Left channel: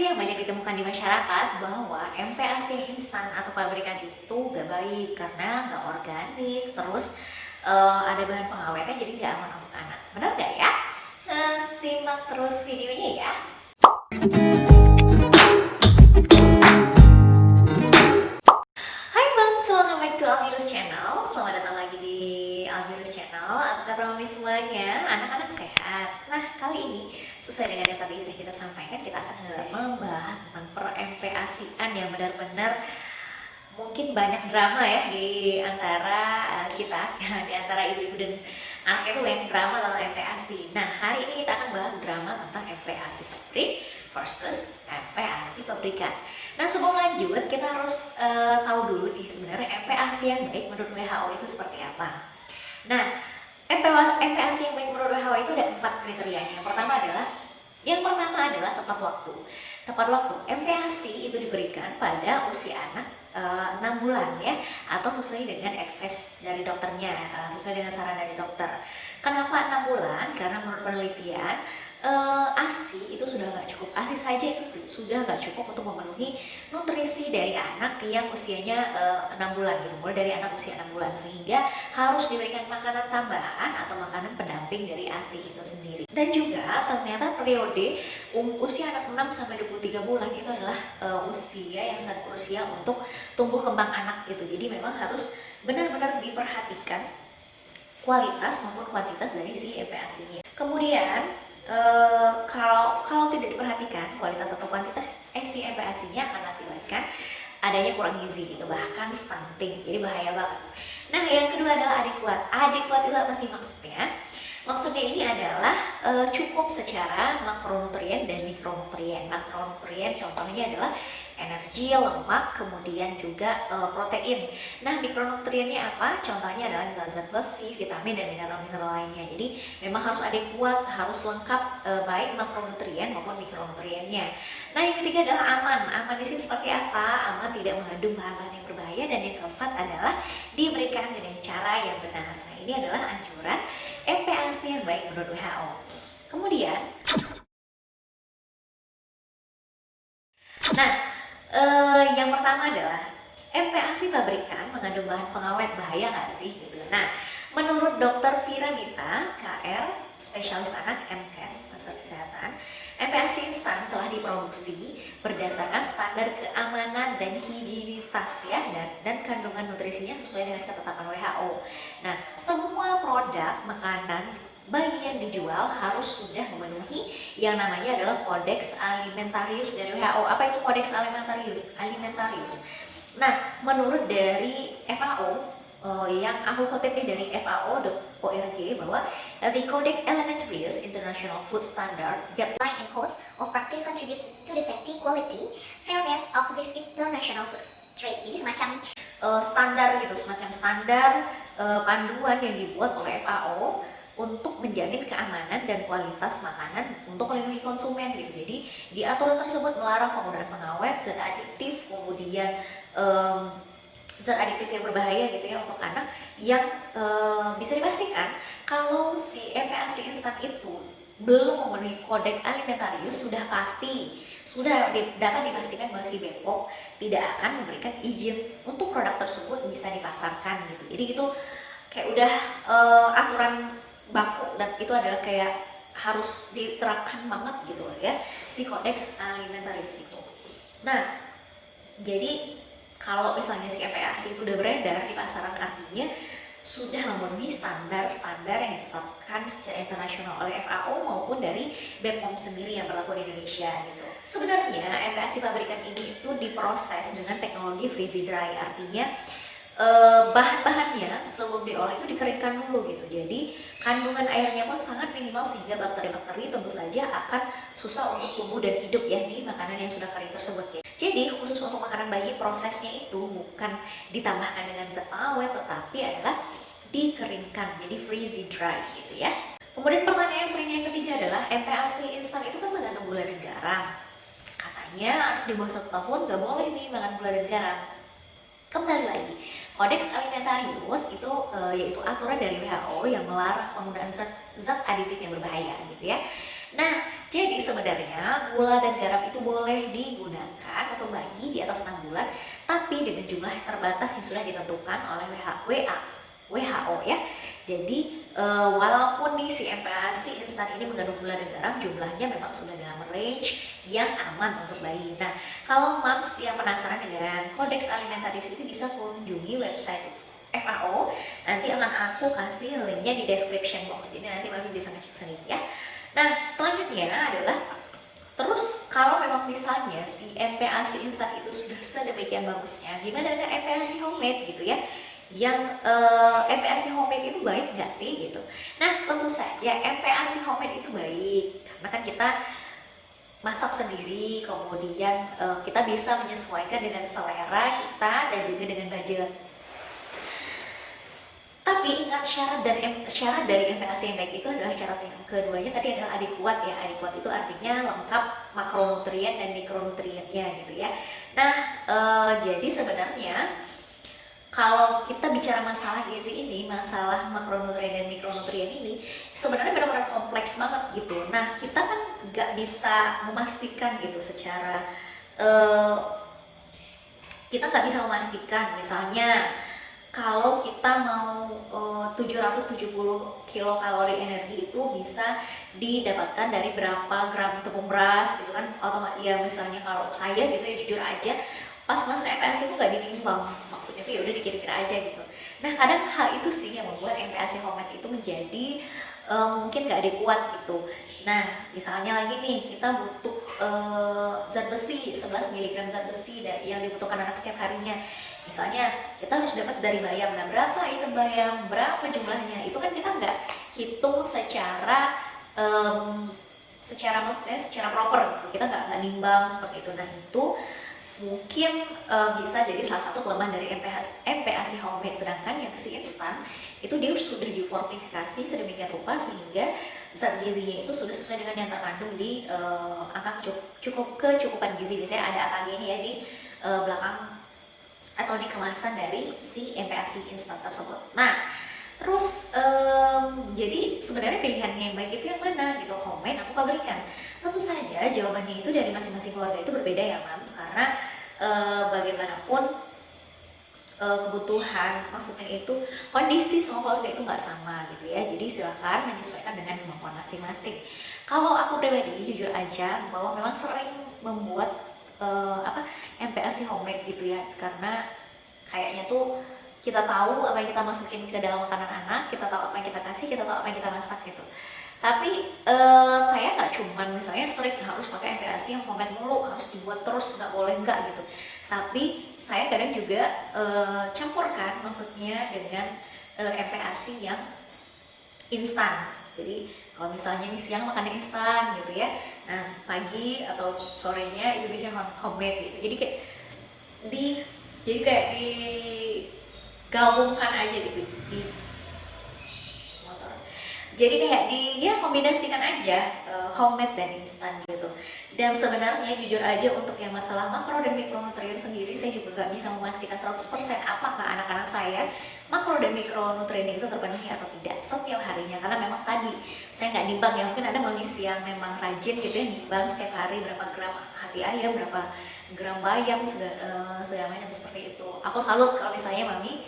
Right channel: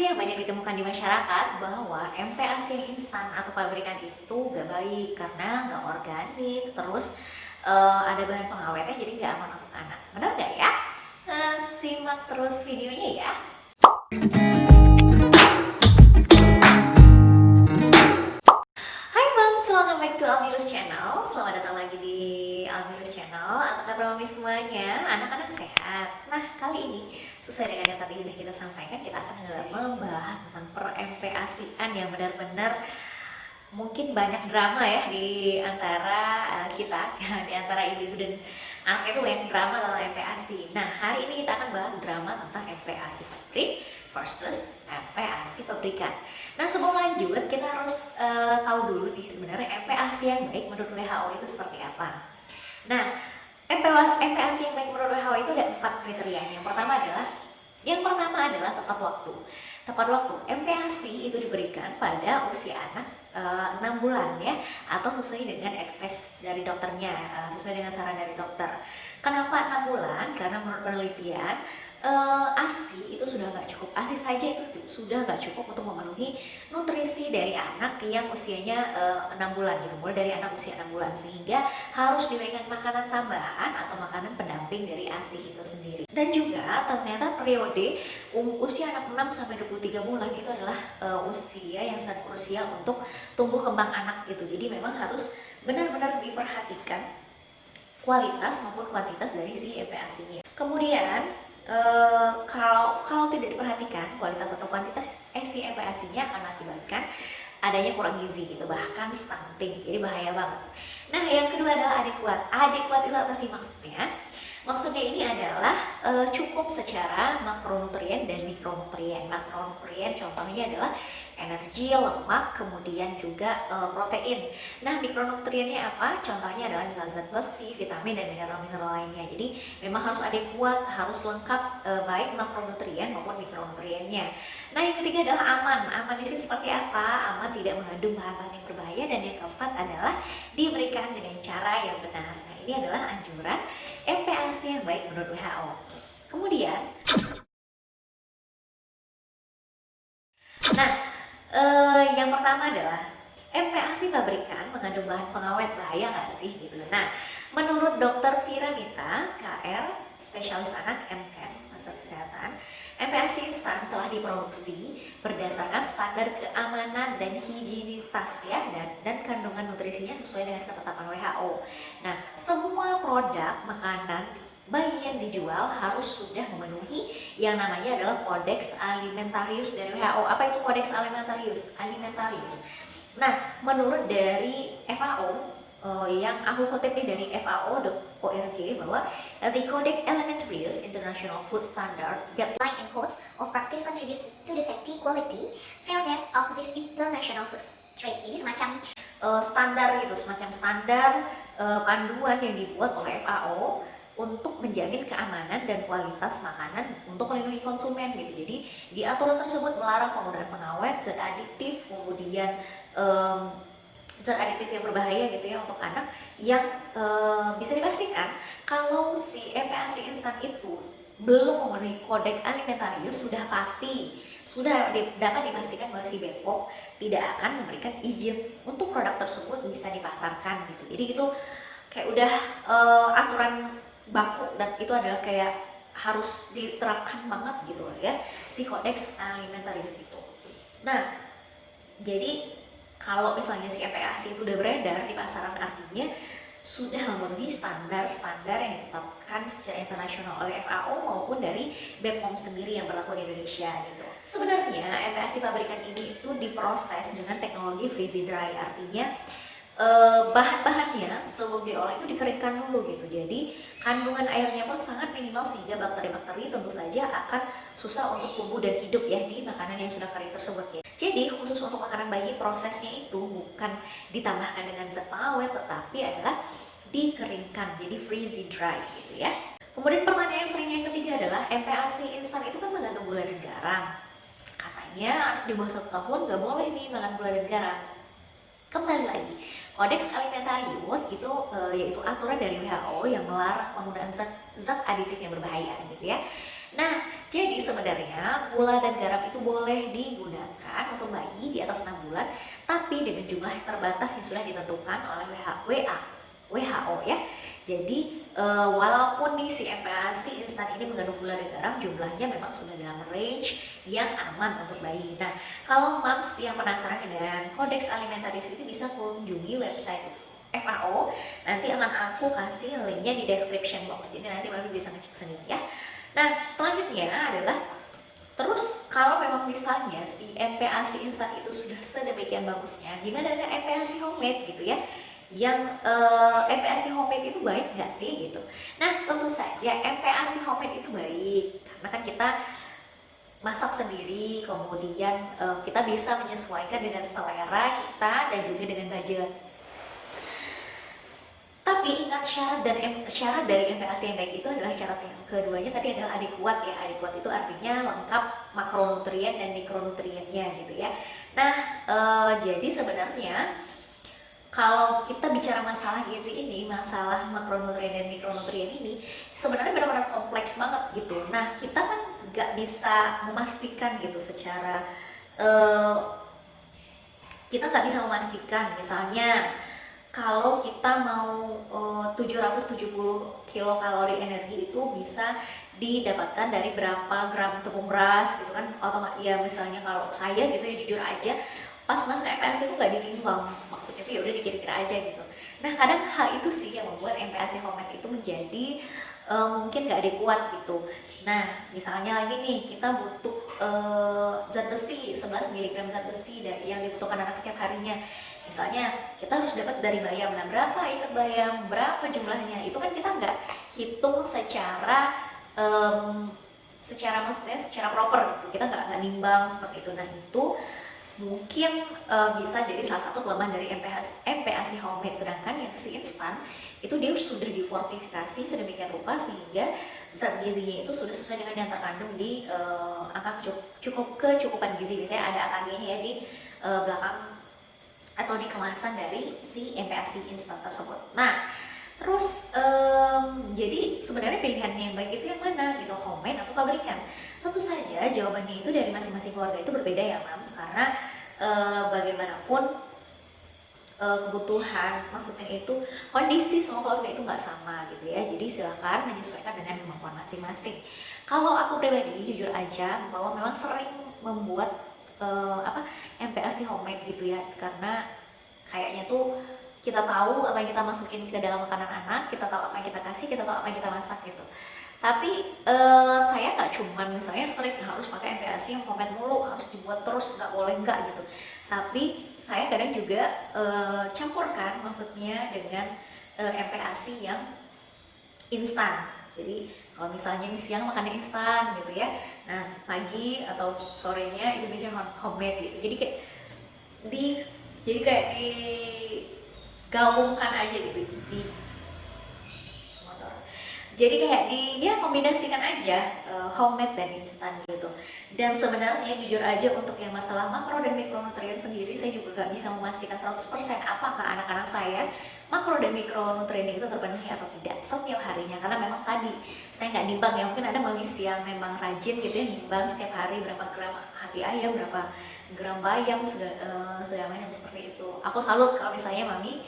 sih yang banyak ditemukan di masyarakat bahwa MPASI instan atau pabrikan itu gak baik karena gak organik, terus ada bahan pengawetnya jadi gak aman untuk anak. Benar gak ya? Simak terus videonya ya. Hai Bang, welcome back to Alvirus Channel. Selamat datang lagi di Alvirus Channel. Apa kabar mami semuanya? Anak-anak sehat? Nah, kali ini sesuai dengan yang tadi udah kita sampaikan, kita akan membahas tentang per-MPASI-an yang benar-benar mungkin banyak drama ya di antara kita, di antara ibu-ibu dan anak itu banyak drama tentang MPASI. Nah, hari ini kita akan bahas drama tentang MPASI pabrik versus MPASI pabrikan. Nah, sebelum lanjut kita harus tahu dulu nih sebenarnya MPASI yang baik menurut WHO itu seperti apa. Nah, MPASI yang baik menurut WHO itu ada 4 kriterianya. Yang pertama adalah tepat waktu. Tepat waktu. MPASI itu diberikan pada usia anak 6 bulan ya, atau sesuai dengan advice dari dokternya, sesuai dengan saran dari dokter. Kenapa 6 bulan? Karena menurut penelitian ASI itu sudah nggak cukup, ASI saja itu sudah nggak cukup untuk memenuhi nutrisi dari anak yang usianya 6 bulan gitu, mulai dari anak usia 6 bulan, sehingga harus diberikan makanan tambahan atau makanan pendamping dari ASI itu sendiri. Dan juga ternyata periode usia anak 6 sampai 23 bulan itu adalah usia yang sangat krusial untuk tumbuh kembang anak gitu. Jadi memang harus benar-benar diperhatikan kualitas maupun kuantitas dari si MPASI-nya. Kemudian kalau tidak diperhatikan kualitas atau kuantitas si MPASI-nya akan mengakibatkan adanya kurang gizi gitu, bahkan stunting, jadi bahaya banget. Nah, yang kedua adalah adekuat. Adekuat itu apa sih maksudnya? Maksudnya ini adalah cukup secara makronutrien dan mikronutrien. Makronutrien contohnya adalah energi, lemak, kemudian juga protein. Nah, mikronutriennya apa? Contohnya adalah zat-zat besi, vitamin, dan mineral-mineral lainnya. Jadi memang harus adekuat, harus lengkap baik makronutrien maupun mikronutriennya. Nah, yang ketiga adalah aman. Aman di sini seperti apa? Aman tidak mengandung bahan-bahan yang berbahaya, dan yang keempat adalah diberikan dengan cara yang benar. Nah, ini adalah anjuran MPASI yang baik menurut WHO. Kemudian, yang pertama adalah MPASI pabrikan mengandung bahan pengawet, bahaya nggak sih gitu. Nah, menurut Dr. Vira Gita, KR, spesialis anak MKes, Master Kesehatan, MPASI instan telah diproduksi berdasarkan standar keamanan dan higienitas ya, dan kandungan nutrisinya sesuai dengan ketetapan WHO. Nah, semua produk makanan bayi yang dijual harus sudah memenuhi yang namanya adalah Kodeks Alimentarius dari WHO. Apa itu Kodeks Alimentarius? Nah, menurut dari FAO, yang aku kutip dari FAO.org bahwa the Codex Alimentarius International Food Standard guideline and codes of practice contributes to the safety, quality, fairness of this international food trade. Jadi semacam standar gitu, semacam standar panduan yang dibuat oleh FAO untuk menjamin keamanan dan kualitas makanan untuk melindungi konsumen gitu. Jadi di aturan tersebut melarang penggunaan pengawet, zat adiktif, kemudian zat adiktif yang berbahaya gitu ya untuk anak, yang bisa dipastikan kalau si MPASI instan itu belum memenuhi Kodeks Alimentarius, sudah dapat dipastikan bahwa si Bepom tidak akan memberikan izin untuk produk tersebut bisa dipasarkan gitu. Jadi itu kayak udah aturan baku, dan itu adalah kayak harus diterapkan banget gitu ya si Kodeks Alimentarius itu. Nah, jadi kalau misalnya si MPASI itu udah beredar di pasaran, artinya sudah memenuhi standar-standar yang ditetapkan secara internasional oleh FAO maupun dari BPOM sendiri yang berlaku di Indonesia gitu. Sebenarnya MPASI pabrikan ini itu diproses dengan teknologi freeze dry, artinya bahan-bahannya sebelum diolah itu dikeringkan dulu gitu. Jadi kandungan airnya pun sangat minimal sehingga bakteri-bakteri tentu saja akan susah untuk tumbuh dan hidup ya di makanan yang sudah kering tersebut ya. Jadi khusus untuk makanan bayi, prosesnya itu bukan ditambahkan dengan zat pengawet, tetapi adalah dikeringkan, jadi freeze dry gitu ya. Kemudian pertanyaan yang sering yang ketiga adalah MPASI instan itu kan mengandung gula dan garam. Katanya di bawah 1 tahun nggak boleh nih makan gula dan garam. Kembali lagi, Kodeks Alimentarius itu yaitu aturan dari WHO yang melarang penggunaan zat adiktif yang berbahaya gitu ya. Nah, jadi sebenarnya gula dan garam itu boleh digunakan untuk bayi di atas 6 bulan, tapi dengan jumlah yang terbatas yang sudah ditentukan oleh WHO ya. Jadi walaupun nih si MPASI instan ini mengandung gula dan garam, jumlahnya memang sudah dalam range yang aman untuk bayi. Nah, kalau moms yang penasaran dengan kodeks alimentarius itu bisa kunjungi website FAO. Nanti akan aku kasih linknya di description box, jadi nanti mami bisa ngecek sendiri ya. Nah, selanjutnya adalah terus kalau memang misalnya si MPASI instan itu sudah sedemikian bagusnya, gimana dengan MPASI homemade gitu ya? Yang MPASI homemade itu baik nggak sih gitu? Nah, tentu saja MPASI homemade itu baik karena kan kita masak sendiri, kemudian kita bisa menyesuaikan dengan selera kita dan juga dengan budget. Tapi ingat syarat dari MPASI yang baik itu adalah syarat yang keduanya tadi adalah adekuat ya. Adekuat itu artinya lengkap makronutrien dan mikronutriennya gitu ya. Nah, jadi sebenarnya kalau kita bicara masalah gizi ini, masalah makronutrien dan mikronutrien ini sebenarnya benar-benar kompleks banget gitu. Nah, kita kan nggak bisa memastikan gitu secara kita nggak bisa memastikan misalnya kalau kita mau 770 kilokalori energi itu bisa didapatkan dari berapa gram tepung beras gitu kan, otomatis ya. Misalnya kalau saya gitu ya, jujur aja pas masuk MPASI itu nggak ditimbang, maksudnya itu ya udah dikira-kira aja gitu. Nah, kadang hal itu sih yang membuat MPASI homemade itu menjadi mungkin nggak adekuat gitu. Nah, misalnya lagi nih kita butuh zat besi 11 mg zat besi yang dibutuhkan anak setiap harinya. Misalnya kita harus dapat dari bayam, nah berapa itu bayam, berapa jumlahnya, itu kan kita nggak hitung maksudnya secara proper gitu. Kita nggak nimbang seperti itu. Nah, itu mungkin bisa jadi salah satu kelemahan dari MPASI homemade. Sedangkan yang si instan itu dia sudah difortifikasi sedemikian rupa sehingga zat gizinya itu sudah sesuai dengan yang terkandung di angka kecukupan gizi. Misalnya ada AKG-nya ya di belakang atau di kemasan dari si MPASI instan tersebut. Nah, terus jadi sebenarnya pilihan yang baik itu yang mana gitu, homemade atau pabrikan? Tentu saja jawabannya itu dari masing-masing keluarga itu berbeda ya, Mam. Karena bagaimanapun kebutuhan, maksudnya itu kondisi semua keluarga itu nggak sama gitu ya. Jadi silakan menyesuaikan dengan kemampuan masing-masing. Kalau aku pribadi jujur aja bahwa memang sering membuat MPASI homemade gitu ya, karena kayaknya tuh kita tahu apa yang kita masukin ke dalam makanan anak, kita tahu apa yang kita kasih, kita tahu apa yang kita masak gitu. Tapi saya nggak cuman misalnya strict harus pakai MPASI yang homemade mulu, harus dibuat terus, nggak boleh nggak gitu. Tapi saya kadang juga campurkan maksudnya dengan MPASI yang instan. Jadi kalau misalnya nih siang makannya instan gitu ya, nah pagi atau sorenya itu biasanya homemade gitu. Jadi kayak digabungkan aja gitu di jadi kayak ya kombinasikan aja homemade dan instan gitu. Dan sebenarnya jujur aja untuk yang masalah makro dan mikronutrien sendiri saya juga gak bisa memastikan 100% apakah anak-anak saya makro dan mikronutrien itu terpenuhi atau tidak setiap harinya, karena memang tadi saya nggak nimbang ya. Mungkin ada manusia yang memang rajin gitu ya, nimbang setiap hari berapa gram hati ayam, berapa gram bayam, segala macam seperti itu. Aku salut kalau misalnya mami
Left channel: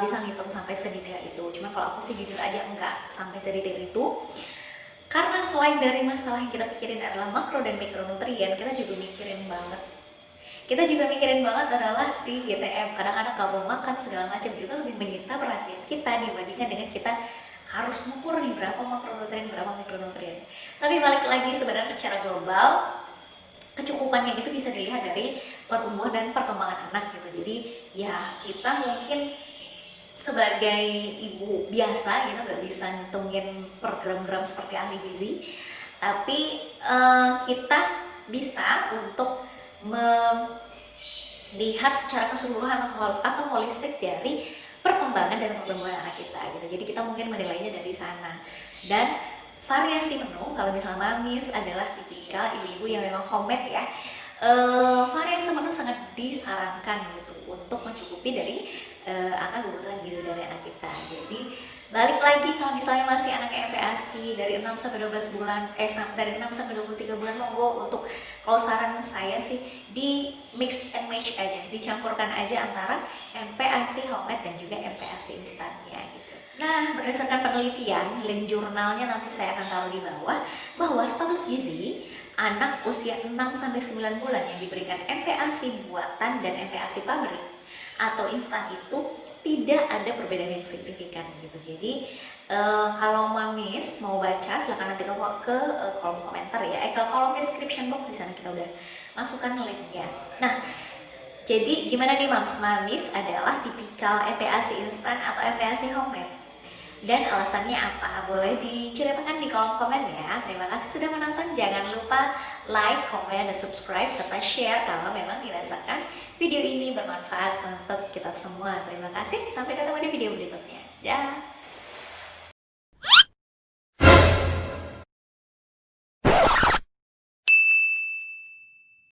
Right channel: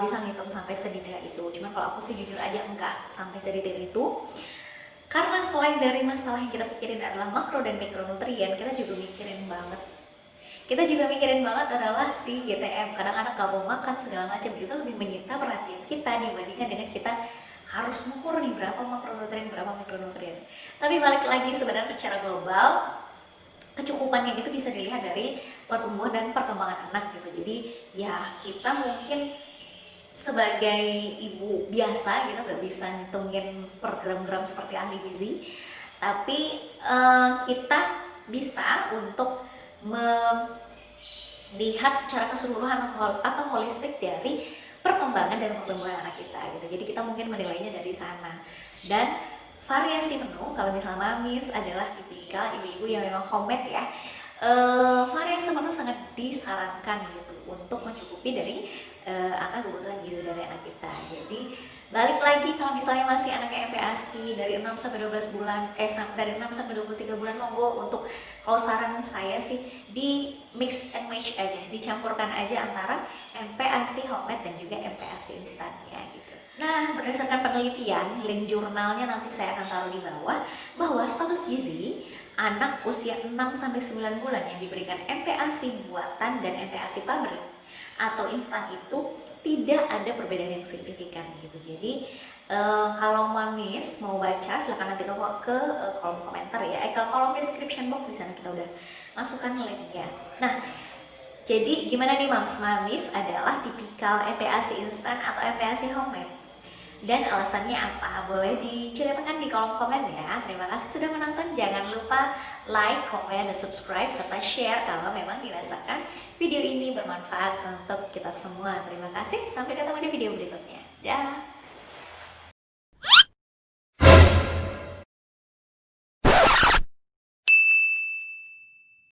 bisa ngitung sampai sedetail itu. Cuma kalau aku sih jujur aja enggak sampai sedetail itu, karena selain dari masalah yang kita pikirin adalah makro dan mikronutrien, kita juga mikirin banget adalah si GTM. Kadang-kadang kalau makan segala macam itu lebih menyita perhatian kita dibandingkan dengan kita harus mengukur nih berapa makronutrien, berapa mikronutrien. Tapi balik lagi, sebenarnya secara global kecukupannya itu bisa dilihat dari pertumbuhan dan perkembangan anak gitu. Jadi ya kita mungkin sebagai ibu biasa kita nggak bisa ngitungin per gram-gram seperti ahli gizi, tapi kita bisa untuk melihat secara keseluruhan atau holistik dari perkembangan dan pertumbuhan anak kita gitu. Jadi kita mungkin menilainya dari sana. Dan variasi menu, kalau misalnya mamis adalah tipikal ibu-ibu yang memang homemade ya, variasi menu sangat disarankan gitu untuk mencukupi dari angka kebutuhan gizi dari anak kita. Jadi Balik lagi kalau misalnya masih anak MPASI dari 6 sampai 12 bulan, dari 6 sampai 23 bulan, monggo untuk, kalau saran saya sih di mix and match aja, dicampurkan aja antara MPASI homemade dan juga MPASI instannya gitu. Nah, berdasarkan penelitian, link jurnalnya nanti saya akan taruh di bawah, bahwa status gizi anak usia 6 sampai 9 bulan yang diberikan MPASI buatan dan MPASI pabrik atau instan itu tidak ada perbedaan yang signifikan gitu. Jadi kalau Mamis mau baca silahkan nanti ke kolom komentar ya, ke kolom description box, di sana kita udah masukkan linknya. Nah, jadi gimana nih Mams? Mamis adalah tipikal MPASI instan atau MPASI homemade? Dan alasannya apa? Boleh diceritakan di kolom komen ya. Terima kasih sudah menonton. Jangan lupa like, komen, dan subscribe, serta share kalau memang dirasakan video ini bermanfaat untuk kita semua. Terima kasih. Sampai ketemu di video berikutnya. Dah.